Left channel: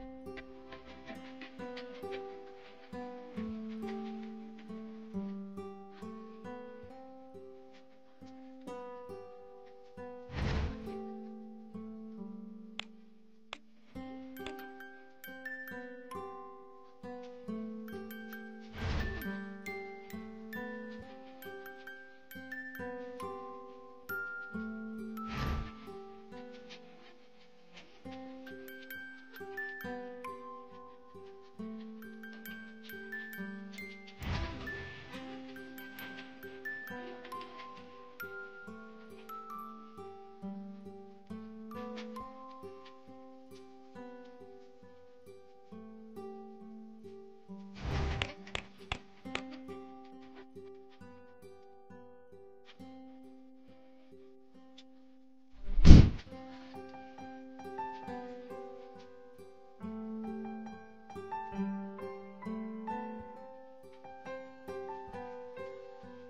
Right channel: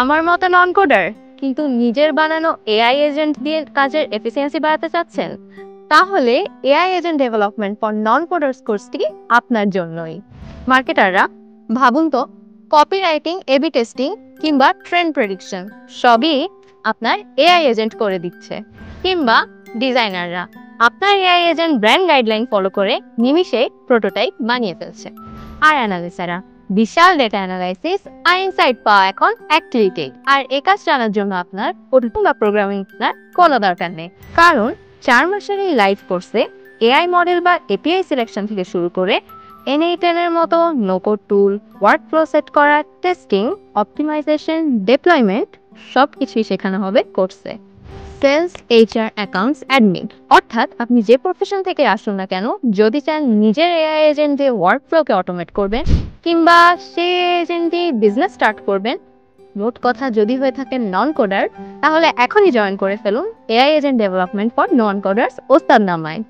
আমার মতো নন কোডার কিন্তু নিজের বানানো এআই এজেন্ট দিয়ে কাজের এফিসিয়েন্সি বাড়াতে চাচ্ছেন, তাহলে AI agent development for non coders কোর্সটি আপনার জন্যই। মার্কেটাররা, ভাবুন তো, কপিরাইটিং, এবি টেস্টিং কিংবা ট্রেন্ড প্রেডিকশন সবই আপনার এআই এজেন্ট করে দিচ্ছে। কিংবা ডিজাইনাররা, আপনার AI agent brand guideline follow করে নিমিষে প্রোটোটাইপ বানিয়ে ফেলছে। আর অ্যানালিস্টরা বিশাল ডেটা অ্যানালাইসিস আর ইনসাইট পাওয়া এখন এক ক্লিকে। আর এই কাজ জানার জন্য আপনার কোডিং বা প্রোগ্রামিং শেখার কোনো দরকার নেই, কারণ 4 মাসের এই লাইভ কোর্সে এআই মডেল বা এপিআই সিলেকশন থেকে শুরু করে N8N এর মতো নো-কোড টুল, ওয়ার্কফ্লো সেট করা, টেস্টিং, অপটিমাইজেশন, ডিপ্লয়মেন্ট সব কিছুই শেখানো হবে কোর্সে। সেলস, এইচআর, অ্যাকাউন্টস, অ্যাডমিন, অর্থাৎ আপনি যে প্রফেশন থেকে আসুন না কেন, যদি চান নিজের এআই এজেন্ট দিয়ে ওয়ার্কফ্লোকে অটোমেট করবেন কিংবা সে এজেন্ট দিয়ে বিজনেস স্টার্ট করবেন, মোট কথা যদি হয়ে থাকেন নন কোডার, তাহলে এখনই জয়েন করে ফেলুন AI agent development for non coders ওস্তাদ নামায়।